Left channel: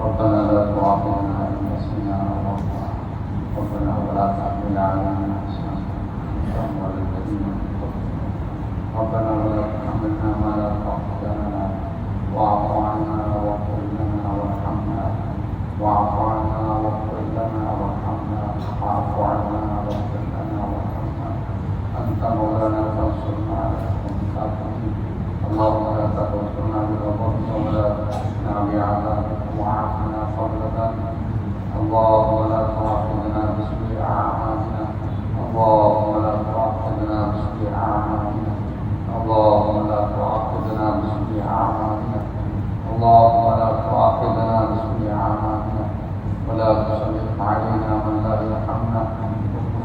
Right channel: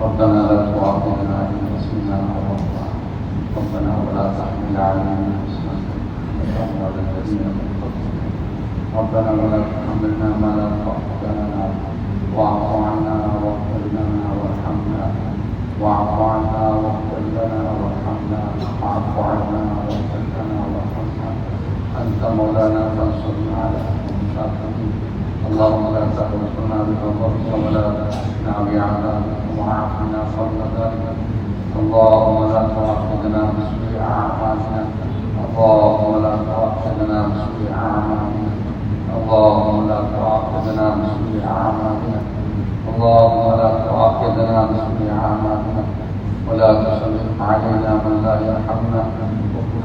ربنا لا تؤاخذنا إن نسينا أو ولا تحمل علينا إصرا. كما حمل الذين من قبلنا ربنا ولا تحملنا ما لا طاقة لنا. واعف عنا واغفر لنا وارحمنا. واعف عنا واغفر لنا وارحمنا. واعف عنا واغفر لنا وارحمنا أنت مولانا فانصرنا على القوم الكافرين اللهم لا تأخذنا بغضبك ولا تأخذنا بعذابك وعافنا قبل ذلك اللهم لا تؤاخذنا بسوء أعمالنا اللهم لا تؤاخذنا بسوء أعمالنا اللهم لا تؤاخذنا أعمالنا اللهم لا تؤاخذنا بسوء أعمالنا ولا تسلط علينا من لا يرحمنا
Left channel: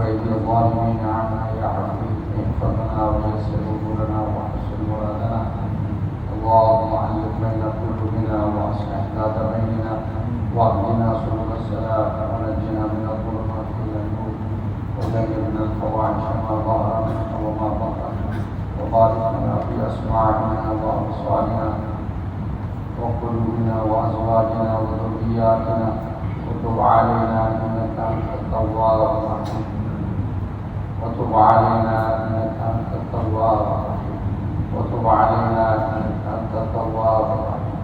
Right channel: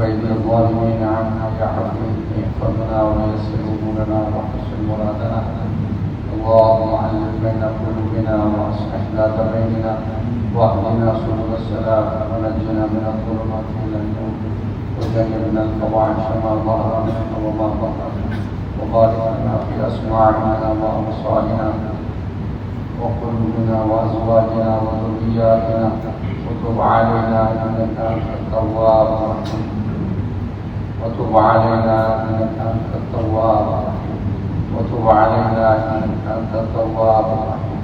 أيدي الظالمين عنا يا حكيم احفظنا ويسر أمورنا واحسن مرادنا اللهم علم بين قلوبنا واصلح ذات بيننا واهدنا سبل السلام ونجنا من الظلمات إلى النور وجنبنا الفواحش ما ظهر منها وما بطن وبارك لنا في أسماعنا وابصارنا وقلوبنا وأزواجنا وذرياتنا وتب علينا إنك أنت التواب الرحيم. وتب علينا إنك أنت التواب الرحيم. وتب علينا إنك أنت التواب الرحيم.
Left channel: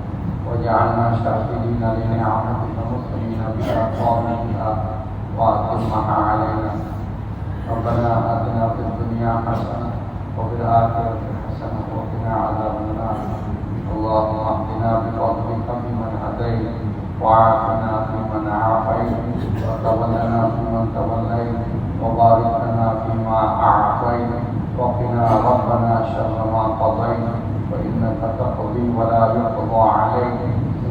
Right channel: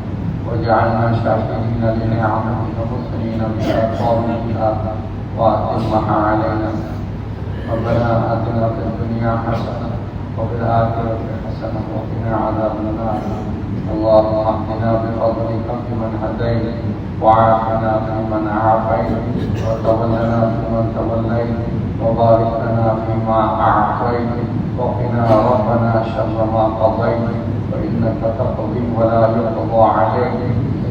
واجعلنا شاكرين لنعمتك مثنين بها قابلها وأتمها علينا. ربنا آتنا في الدنيا حسنة وفي الآخرة حسنة وقنا عذاب النار. اللهم اهدنا بفضلك فيمن هديت وعافنا فيمن عافيت وتولنا فيمن توليت وبارك لنا فيما أعطيت وقنا ربنا شر ما قضيت فإنك تقضي ولا يقضى عليك.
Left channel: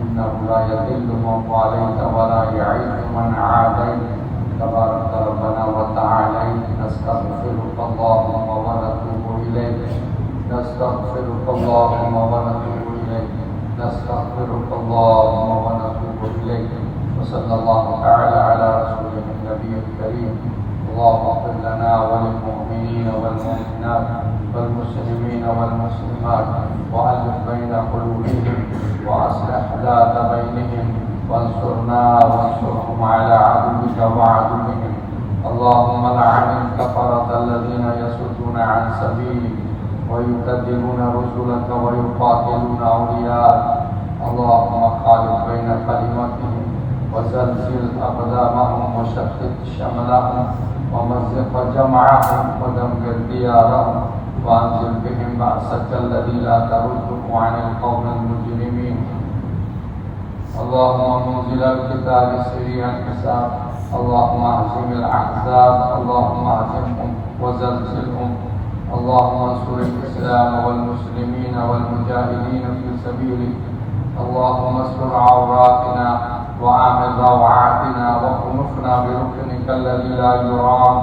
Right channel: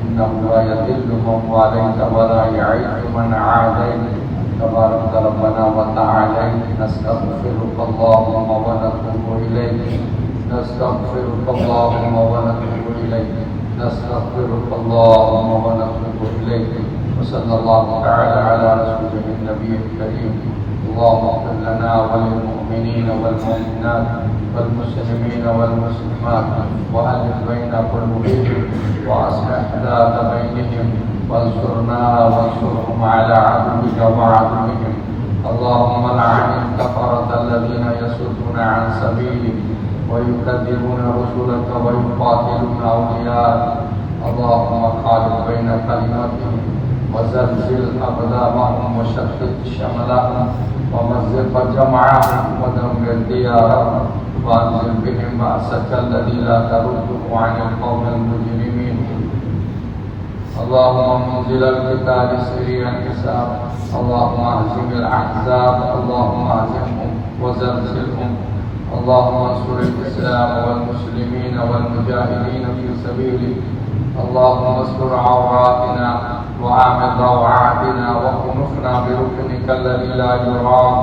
إنه لا يذل من واليت ولا يعز من عاديت. تبارك ربنا وتعاليت نستغفرك اللهم ونتوب إليك. نستغفرك اللهم ونتوب إليك. نستغفرك اللهم ونتوب إليك. وصلى الله تعالى على رسوله النبي الكريم. اللهم اغفر لنا وللمؤمنين والمؤمنات والمسلمين والمسلمات. وألف بين قلوبهم وأصلح ذات بينهم. وانصرنا وانصرهم على عدوك وعدوهم. اللهم لعن الكفرة الذين يصدون عن سبيلك ويكذبون رسلك ويقاتلون أولياءك. اللهم خالف بين كلمتهم وزلزل أقدامهم وشتت شملهم ومزق جمعهم ودمر ديارهم وأنزل بهم بأسك الذي لا ترده عن القوم المجرمين. اللهم منزل القتال سريع الحساب. اللهم اهزم الأحزاب. اللهم اهزمهم وزلزلهم. اللهم انصر الإسلام والمسلمين والمجاهدين في سبيلك. اللهم استر عوراتنا وآمن روعاتنا وكنفنا بركنك الذي لا يرام.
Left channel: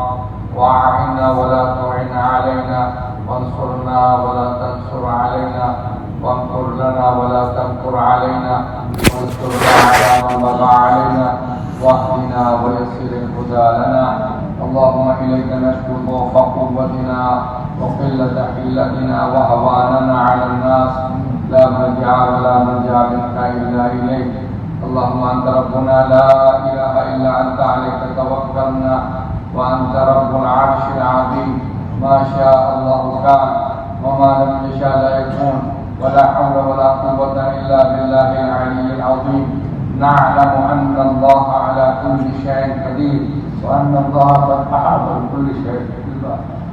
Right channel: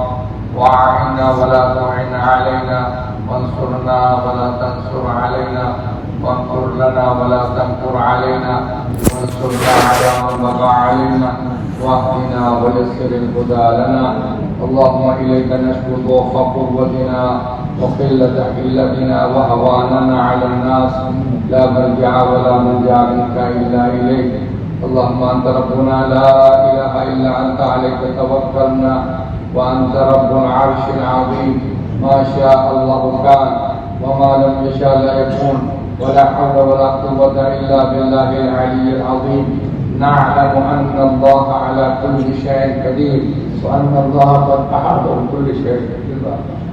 وأعنا ولا تعن علينا. وانصرنا ولا تنصر علينا. وانصر لنا ولا تنكر علينا وانصرنا على من بغى علينا واهدنا ويسر الهدى لنا. اللهم إليك نشكو ضعف قوتنا وقلة حلتنا وهواننا على الناس. لا ملجا ولا ملجا منك إلا إليك. اللهم أنت ربنا لا إله إلا أنت عليك توكلنا وأنت رب العرش العظيم. ما شاء الله كان وما لم يشاء لا يكون. ولا حول ولا قوة إلا بالله العلي العظيم. نعلم أن الله على كل شيء قدير وأن الله قد أحاط بكل شيء قدير.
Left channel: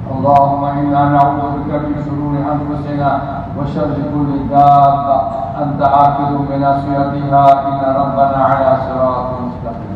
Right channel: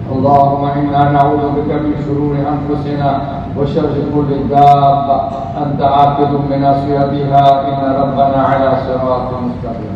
اللهم إنا نعوذ بك من شرور أنفسنا وشر كل دابة. أنت آخذ بناصيتها إن ربنا على صراط مستقيم.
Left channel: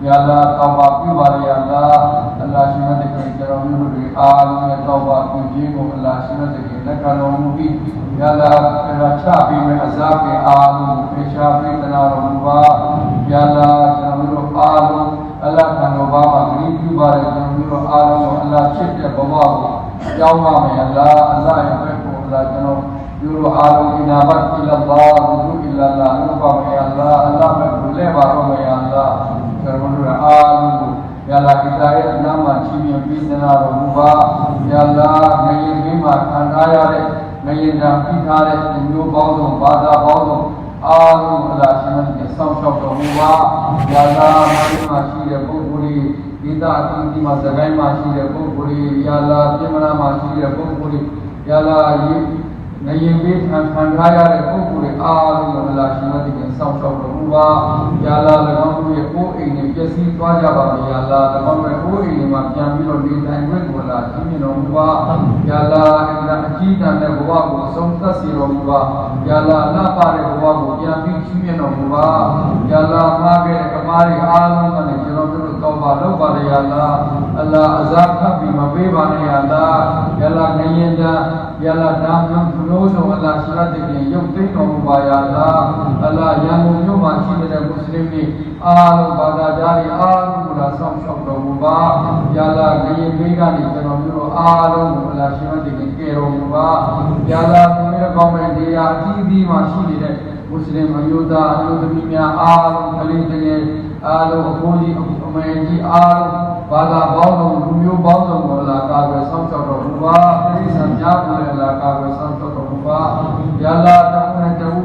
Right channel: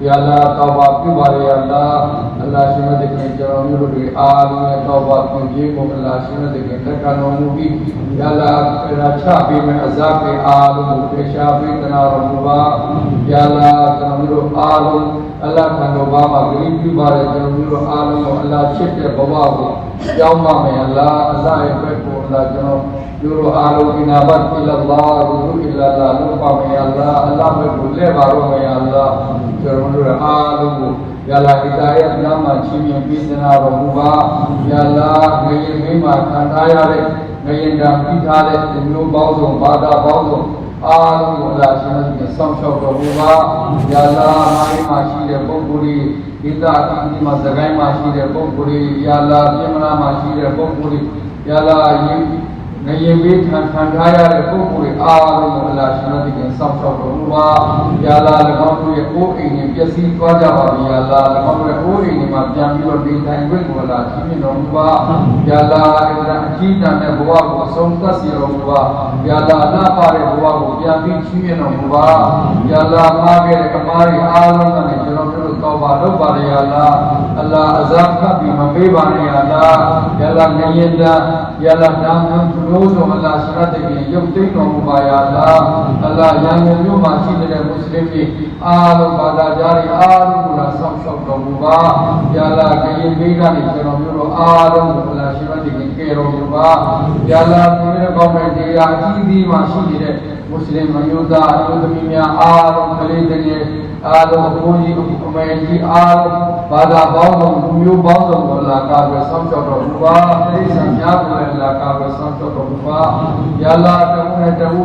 یا اللہ، توبہ کی باری اللہ اللہ شمد کنجرونی بڑی آمین، توبہ جی، کی جی کنجیم اللہ شمد کنجرونی کی یا اللہ، تیرا شابی میں عذاب آلم پیشابی تنا رمبا یا اللہ تنمیر آلم အလ္လာဟ်ခံတော်ပါမှာဂရုပြုပါတယ်ကျွန်တော်တို့အားလုံးကိုအလ္လာဟ်ချစ်တဲ့ဘဝကိုကြောင်းပါမယ်အလ္လာဟ်အလ္လာဟ်ရဲ့ဘက်ကိုအလ္လာဟ်ကျွန်တော်တို့တို့အားလုံးဒီနာဘတ်အလ္လာဟ်ဝဒူအလ္လာဟ်လို့ပါမယ်အလ္လာဟ်အလ္လာဟ်ဘက်ကိုလဲပါတော့မယ်အလ္လာဟ်ကျွန်တော်တို့အားလုံးကိုယာလာဟီတာရဲ့အနာမှာချီးမြှင့်ပြီးစနာတော်မူပါယာလာငရေမိမှာခံစားရတဲ့ငရေတံပြီးထားတဲ့လူပေါင်းစုံဘာသာပေါင်းစုံ အားလုံးကိုအလားရှင်နဲ့ဆောင်းလျှောက်တော်မူပါယလာမိုင်းမှာရှိတဲ့ပုဂ္ဂိုလ်ကြီးဒေသအသီးသီးမှာသခိုင်းမှာရှိတဲ့ပုဂ္ဂိုလ်ကြီးယာလာပြင်မလာမှာရှိတဲ့ပုဂ္ဂိုလ်ကြီးယာလာယင်ငရင်ပေးခံခံထားရတဲ့ပုဂ္ဂိုလ်တွေအားလုံးကိုအလားရှင်တို့ဒီဆောင်းဆောက်တော်မူပါယာလာ၎င်းတို့ရဲ့ကိုယ်အိမ်နဲ့ပျက်စီးသွားကြပါပြီယာလာ၎င်းတို့ရဲ့ကိုယ်အိမ်တွေမှာပြန်ပြီးတော့နေထိုင်ခွင့်ကိုအလားရှင်မြင်တော်မူပါယာလာ جینا میں ہوا ہوا سنتا سی رہا ہوا یا اللہ نہ پارے ہوا ہوا یا بھی چھوئے نہ ہوا یا اللہ ماں گئے کماری آلوں کا نے جنوں کو توبہ لو بارے یا اللہ اللہ عذاب کا بھی مبی بارے یا اللہ یا اللہ نہیں اللہ یا اللہ نام ہم فلوز ہوں اللہ شرط کی یوم نہ ہوا یا اللہ اللہ یا مومن ما چھیے مسلم کی ပေးပါနဲ့ယာလာယာလာငရင်တာယာလာနာမဘလို့ဆိုအလာရှရတ်တေရုပ်သိမ်းတော်မူပါယာလာအလာရန်ကုန်မြို့မှာရှိတဲ့မွတ်စလင်တွေအားလုံးဘာသာကြားတွေအားလုံးကိုလာဆောင်ရှောက်တော်မူပါယာလာငရင်ပေးကနေကျွန်တော်တို့အားလုံးကိုအလာရှရတ်တေကယ်တော်မူပါယာလာဘုရားကောင်းတဲ့တရားအကြီးကြီးမှာရှိနေတဲ့မွတ်စလင်မျိုးသားအမျိုးသမီးများအားလုံးကလေးတွေအားလုံးဘုန်းကြီးအမေကြီးအားလုံးဘာသာပေါင်းစုံလူမျိုးပေါင်းစုံကိုလာကာပဲဆောင်းချောက်တော်မူပါအိဆံများကိုလည်းလာကာပဲဆောင်းချောက်တော်မူပါယလာတမှုနဲ့တမှု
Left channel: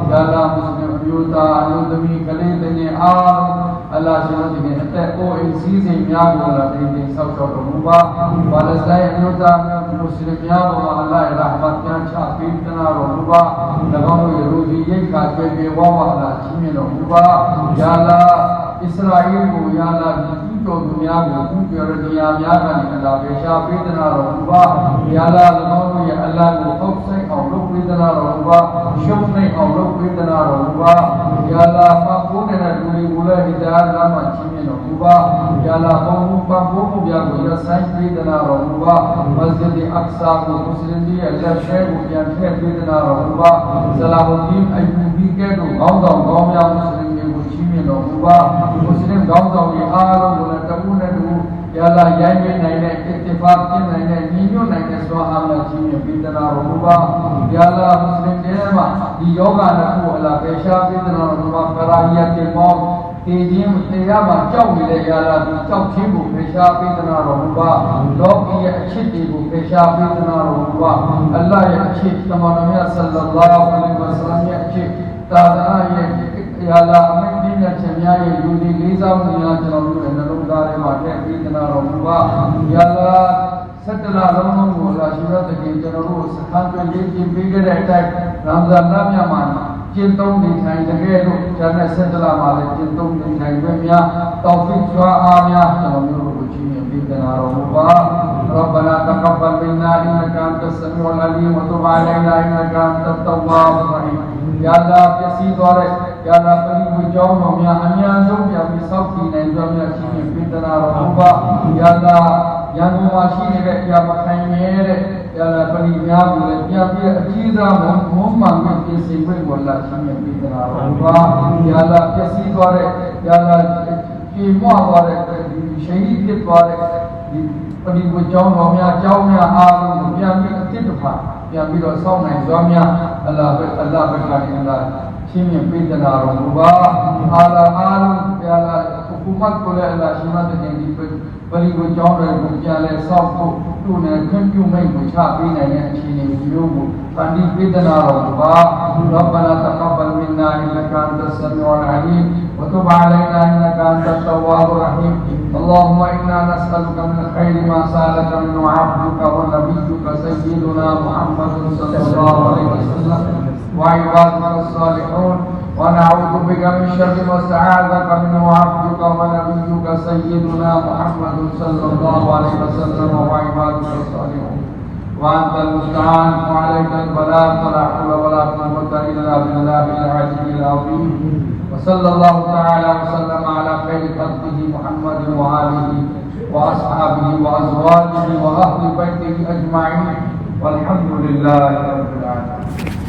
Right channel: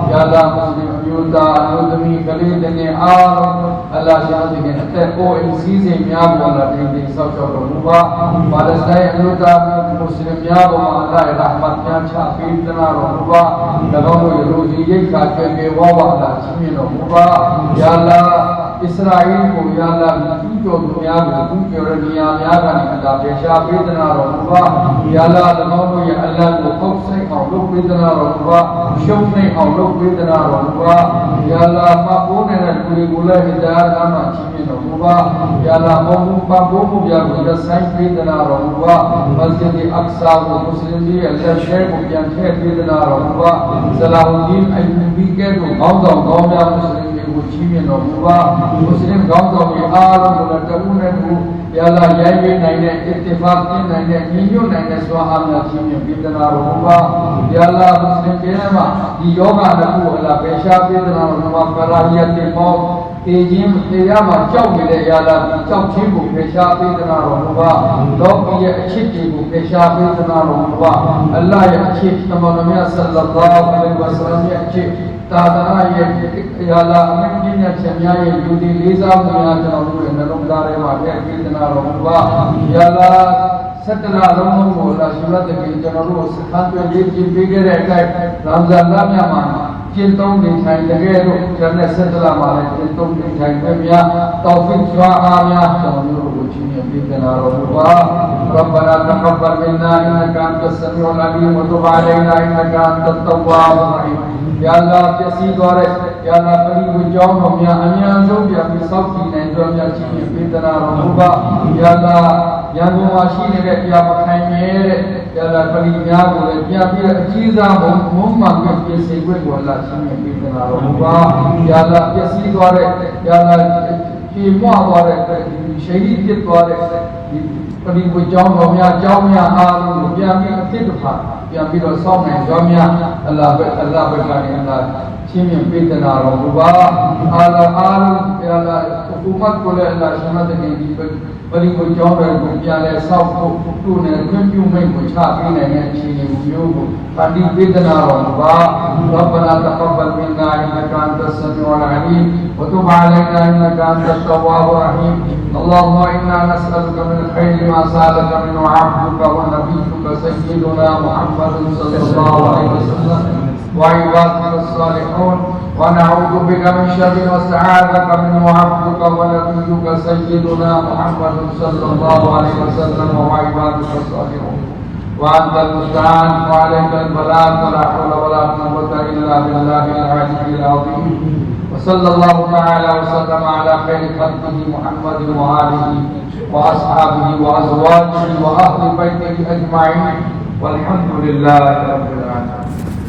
جادا مسلم بیوتا نظمی گلے جنے آر، اللہ شاہ جنے ہتے کو انسی سے میاں کو اللہ جنے سب سب بھروبا مالستہ انیوتا مسلم بیاں کو اللہ رحمت، کیا چھا پیتنا رحمبا دبانو یہ روزی یہ کاتے بے وابا اللہ سمی رحمبا یا اللہ، اسرائیل کو یا اللہ က်စတိုင်းအမျိုးသားမွတ်စလင်များကိုအလ္လာဟ်ရဲ့ရဟမတ်ပြန်ချပေးသနာတော်မူပါ၎င်းတို့ရဲ့လူကြီးရိတ်ခါကျင်ပေဝါဝါလာရှင်မြတ်တော်မူပါယာလာအစ္စရာအေးကိုယာလာသူကျော်သူများကိုသူကျော်ရနေရာများကနေအလာပြေရှာပေးသနာတော်မူပါယာလာ၎င်းတို့ရဲ့အလံကိုပုတ်ဆိုင်အောင်လုပ်ပေးသနာတော်မူပါရှုံးနေအောင်လုပ်ပေးသနာတော်မူပါယာလာမပိုးနေတဲ့လူတွေကိုလည်းဟိဒါလမ်းမှာချီးမြှင့်တော်မူပါယာလာဘုံဘုံမပိုးမှုပြကိုလက်ဆိုင်ပေးသနာတော်မူပါမစဂျစ်အက္ဆာကိုမွတ်စလင်တွေရဲ့လက်ရှဲကိုပြန်ထည့်ပေးသနာတော်မူပါဆလာဟူဒီအိုင်ဘီကဲတို့ခေါင်းဆောင်ကောင်းများမွတ်စလင်တွေကိုချီးမြှင့်တော်မူပါမွတ်စလင်ခေါင်းဆောင်တွေအားလုံးကိုလည်းတဝုနဲ့တူယာလာရိုင်းပေးနိုင်တဲ့အစ်တိဖာပြင်နိုင်တဲ့ညီညွတ်နိုင်တဲ့စွာအားများချီးမြှင့်ပေးသနာတော်မူပါယာလာမွတ်စလင်တွေမှာဒီယောဂနှစ်ခုအလားပေရှားပေးသနာတော်မူပါကရာဟီယတ်တေမော တေခြင်းတေရမှာကြောက်နေတဲ့ယာလာဒီကြောက်ခြင်းကိုဖေရှားပေးသနာတော်မူပါလောကီရဲ့အချစ်တွေကိုဖေရှားပေးသနာတော်မူပါအလ္လာဟ်ရဲ့အချစ်သမန်တော်မြတ်ဆလ္လာလာဟူအလိုင်းဝါဆလမ်ရဲ့အချစ်သာသနာရဲ့ယာလာအမြင့်ပြည့်တဲ့ချက်များရဲ့လူတွေလေးစားမှုများကျွန်တော်တို့ရဲ့နှလုံးသားထဲမှာထည့်ပေးသနာတော်မူပါယာလာစတလာလုံးစုံကိုလာရှိရတဲ့ကျွန်တော်တို့စခန်းတွေရေးကြည့်ပေးခဲ့တဲ့အတိုင်းရမ်ဇန်လမြတ်မှာ ကျင့်သုံးနေထိုင်တကယ်လို့ကျန်တဲ့စတလာမှာလည်းကျင့်သုံးနေထိုင်ခွင့်များတောဖစ်စွာအားများကျွန်တော်တို့ကိုချီးမြှင့်ပေးသနာတော်မူပါ ربنا تقبل منا انك انت السميع العليم وتب علينا انك انت التواب الرحيم يا الله ပြည့်စည်သွားတဲ့ယာနာပရိဝေကြောင်းတော်များအများဆုံးပြန်ပြီးစောင့်တည်နိုင်ကြောင်းများချီးမြှင့်ပေးသနာတော်မူပါယာလာရန်ကုန်မှာရှိနေတဲ့ပြမခိုင်မြဲတဲ့ ယာလာပရိများကိုလည်းပြန်ပြီးအကြီးစားဘုံဘုံမှန်ပြည့်စုံခွင့်ကိုလာချီးမြှင့်ပေးသနာတော်မူပါယာလာပြည့်စည်သွားတဲ့ယာလာပြေမွားသွားတဲ့ရှိဟိဖြစ်သွားတဲ့ဒီပရိဝေကြောင်းတော်များကြောင်းများအားလုံးကိုပြန်ပြီးအဖြစ်တစ်ခါပြန်ပြီးတော့စောင့်နိုင်ကြောင်းများအလ္လာဟ်ပဲအလ္လာဟ်ပဲကနေအလ္လာဟ်ချင်းမြင်ပေးသနာတော်မူပါအာလအာလုံးပြန်လာဥပမတ်ကိုလည်းအလ္လာဟ်ရှင်မတဲ့ဒီ ပရိကိုကြောင်းတဲ့ကိုပြန်လဲစောက်ဖို့သူ့နဲ့ခွင့်ပြုမိတ်ကိုချပေးနိုင်တဲ့အခြေအနေမျိုးကိုပဏိပေဒနာတော်ဘာရပ်ဘနာတကဘလ်မင်နာအင်ကန်တဆမီဝလအလီဝတုဘအလိုင်နာအင်ကန်တတဝါဘရဟီမ်အလ္လာဟူအင်နာနစအလ်ကမလ်ခိုင်မာဆာလကမနအာဘူကဝနဘီကဆီဒနာမုဟမ္မဒ်ဆလ္လာလဟူအလိုင်ဝဆလမ်ဝိုင်ဘတ်မနဆာလီဟူန် ونعوذ بك من شر استعاذك منه عبدك ونبيك سيدنا محمد صلى الله عليه وسلم وعبادك الصالحون وأنت المستعان وعليك البلاغ ولا حول ولا قوة إلا بالله العلي العظيم. وصلى الله تعالى وسلم على خير خلقه محمد وآله وأصحابه وأزواجه وأهل بيته أجمعين. والحمد لله رب العالمين.